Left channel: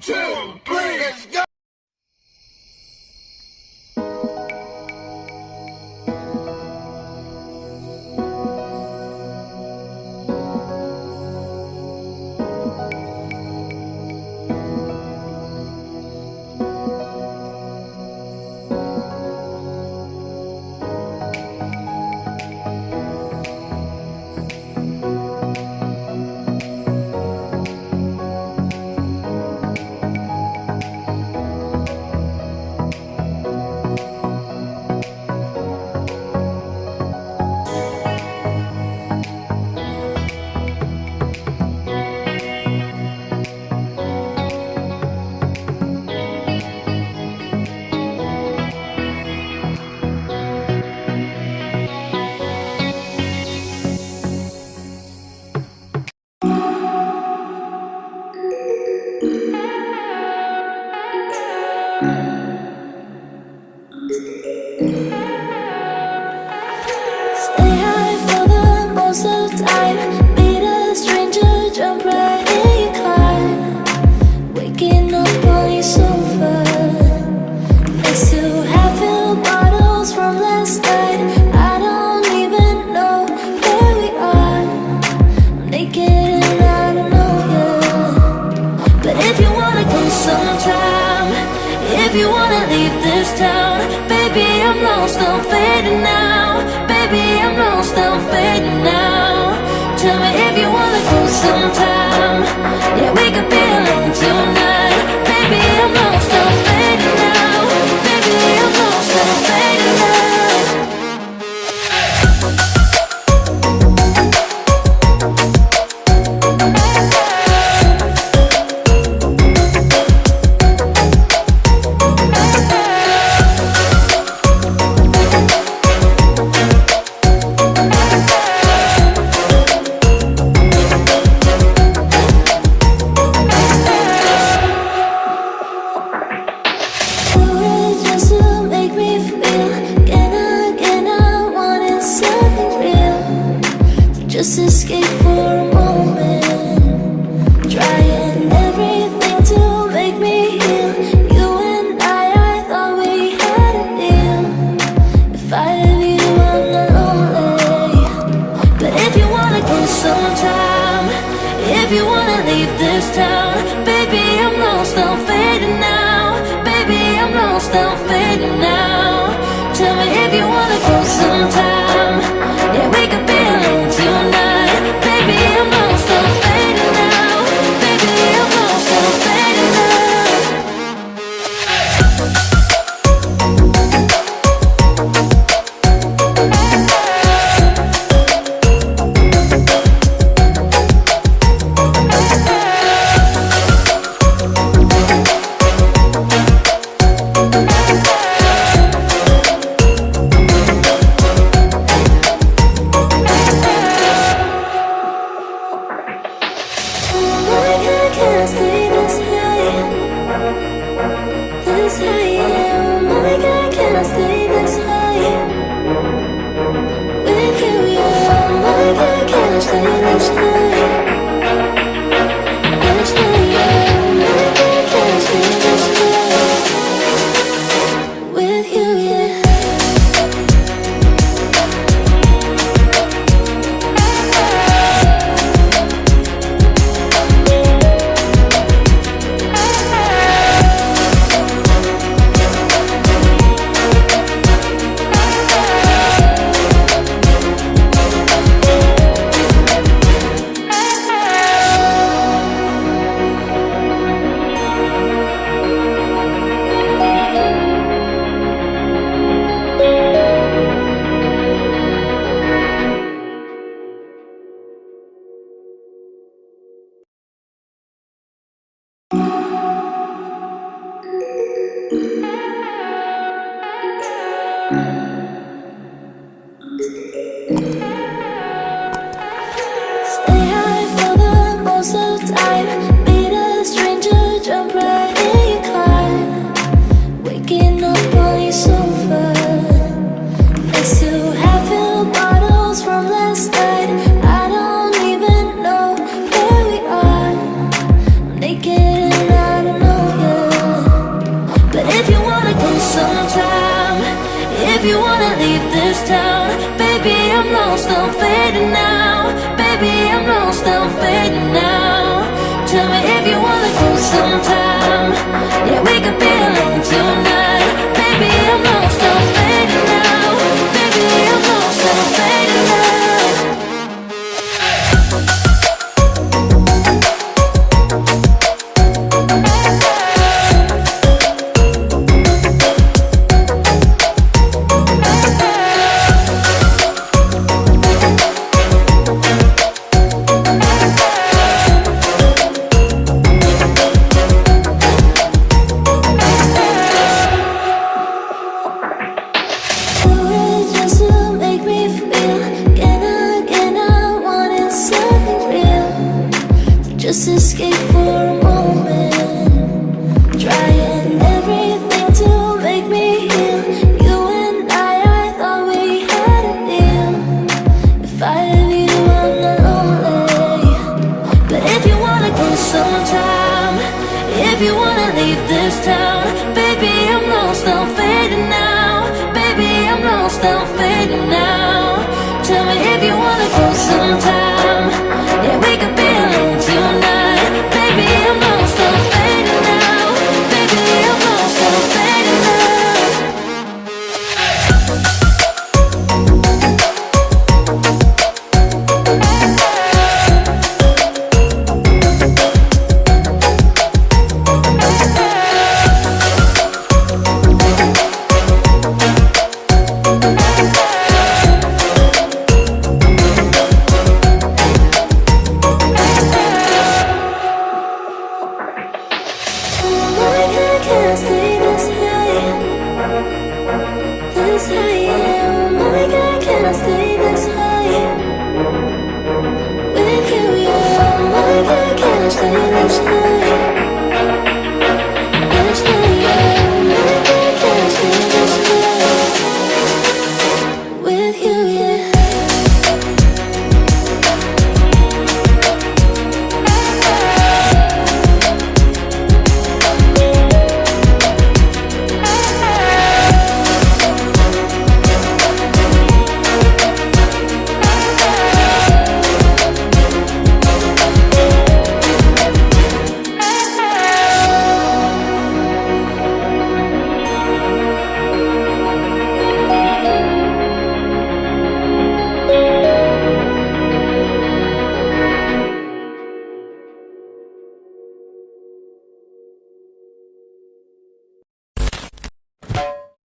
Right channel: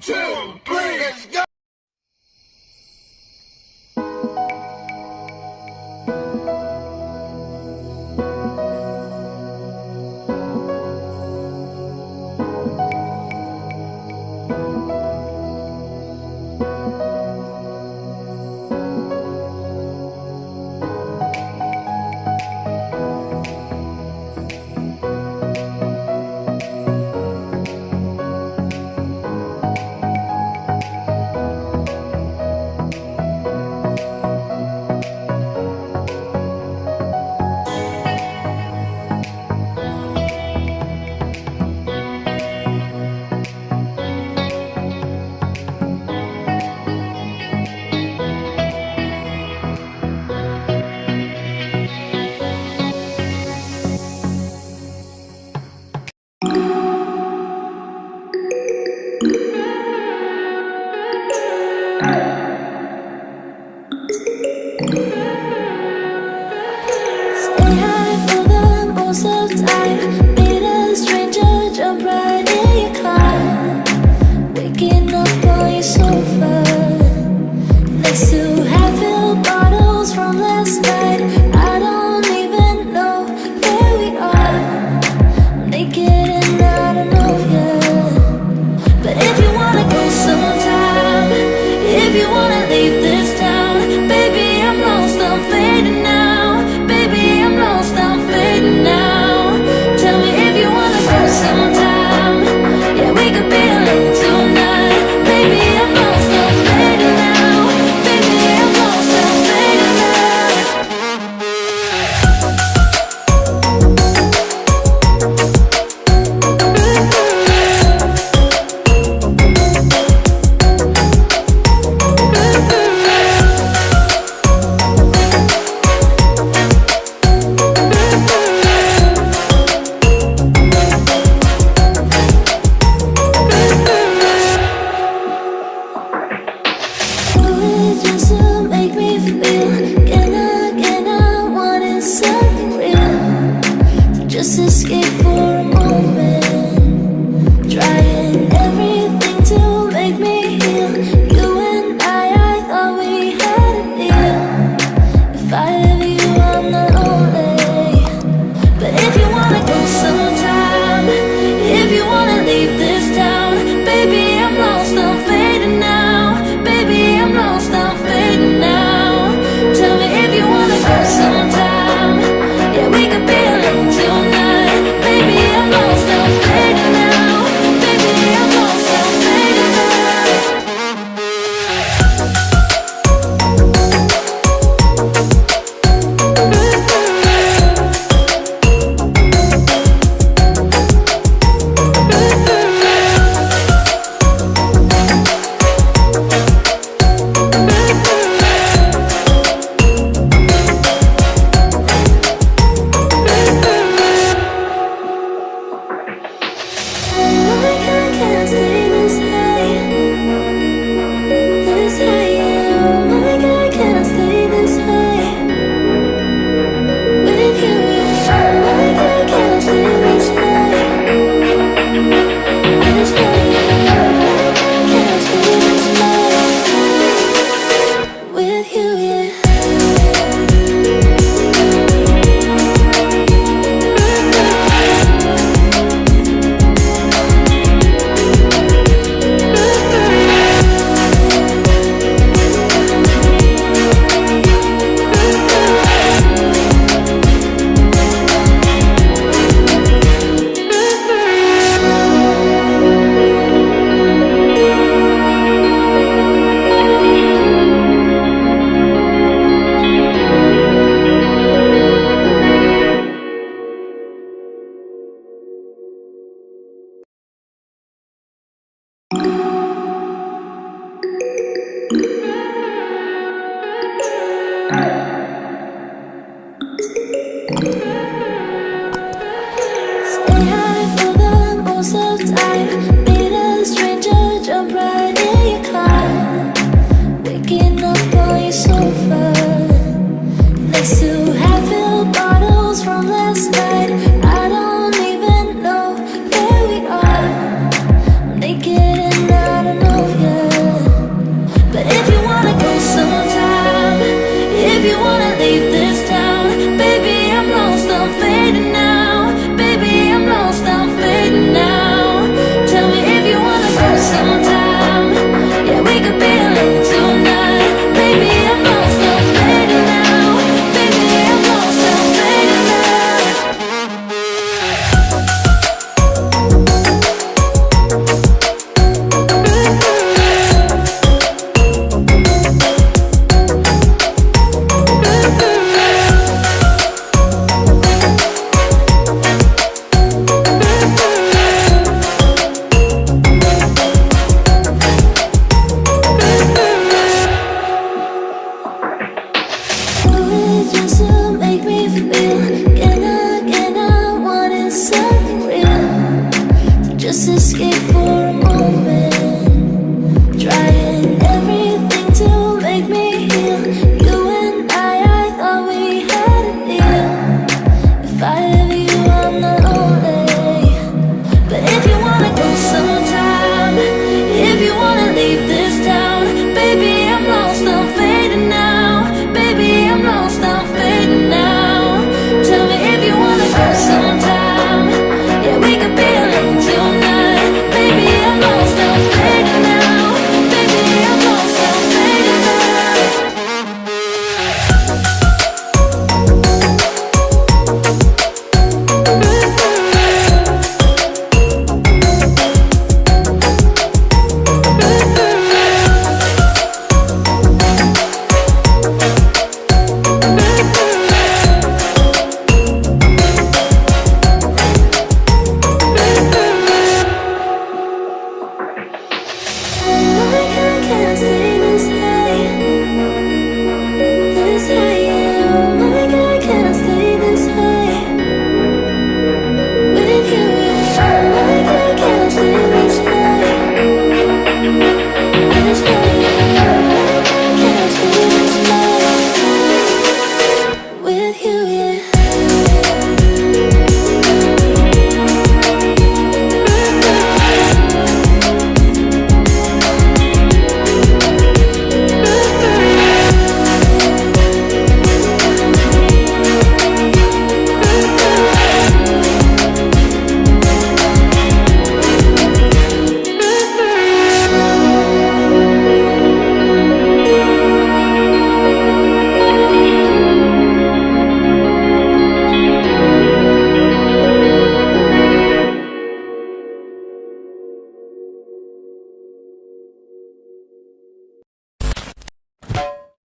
2, 3, let's go! Stay high for the most of the time. Meet a stranger, jump right in your car. Waking up on your sofa next to half-filled bottles from last night. I don't even know where we are. I'm naked and I don't know you. But if you wanna go sometime, if you wanna leave this town, baby, I'm lost, I'm fading now. Baby, I'm lost, I'm fading now. Tell me if you wanna go sometime. Yeah, we could be alone tonight. Baby, I'm lost, I'm fading now. Baby, I'm lost, I'm fading now. Just to make me feel again, I wanted something real to just escape for a moment, trying everything to make me heal. You and I thought we had a deal. If I have you, I'm not lonely. But if you wanna go sometime, if you wanna leave this town, baby, I'm lost, I'm fading now. Baby, I'm lost, I'm fading now. Tell me if you wanna go sometime. Yeah, we could be alone tonight. Baby, I'm lost, I'm fading now. Baby, I'm lost, I'm fading now. Can't stay this high, yeah. Oh my God, can I stay this high with you, yeah. Oh my God, can I stay this high, yeah. Oh my God, can I stay this high with you, yeah. Stay high for the most of the time. Meet a stranger, jump right in your car. Waking up on your sofa next to half-filled bottles from last night. I don't even know where we are. I'm naked and I don't know sometime. If you wanna leave this town, baby, I'm lost, I'm fading now. Baby, I'm lost, I'm fading now. Tell me if you wanna go sometime. Yeah, we could be alone tonight. Baby, I'm lost, I'm fading now. Baby, I'm lost, I'm fading now. Just to make me feel again I wanted something real to just escape for a moment, trying everything to make me heal. You and I thought we had a deal. If I have you, I'm not lonely. But if you wanna go sometime, if you wanna leave this town, baby, I'm lost, I'm fading now. Baby, I'm lost, I'm fading now. Tell me if you wanna go sometime. Yeah, we could be alone tonight. Baby, I'm lost, I'm fading now. Baby, I'm lost, I'm fading now. Can't stay this high, yeah. Oh my God, can I stay this high with you, yeah. Oh my God, can I stay this high?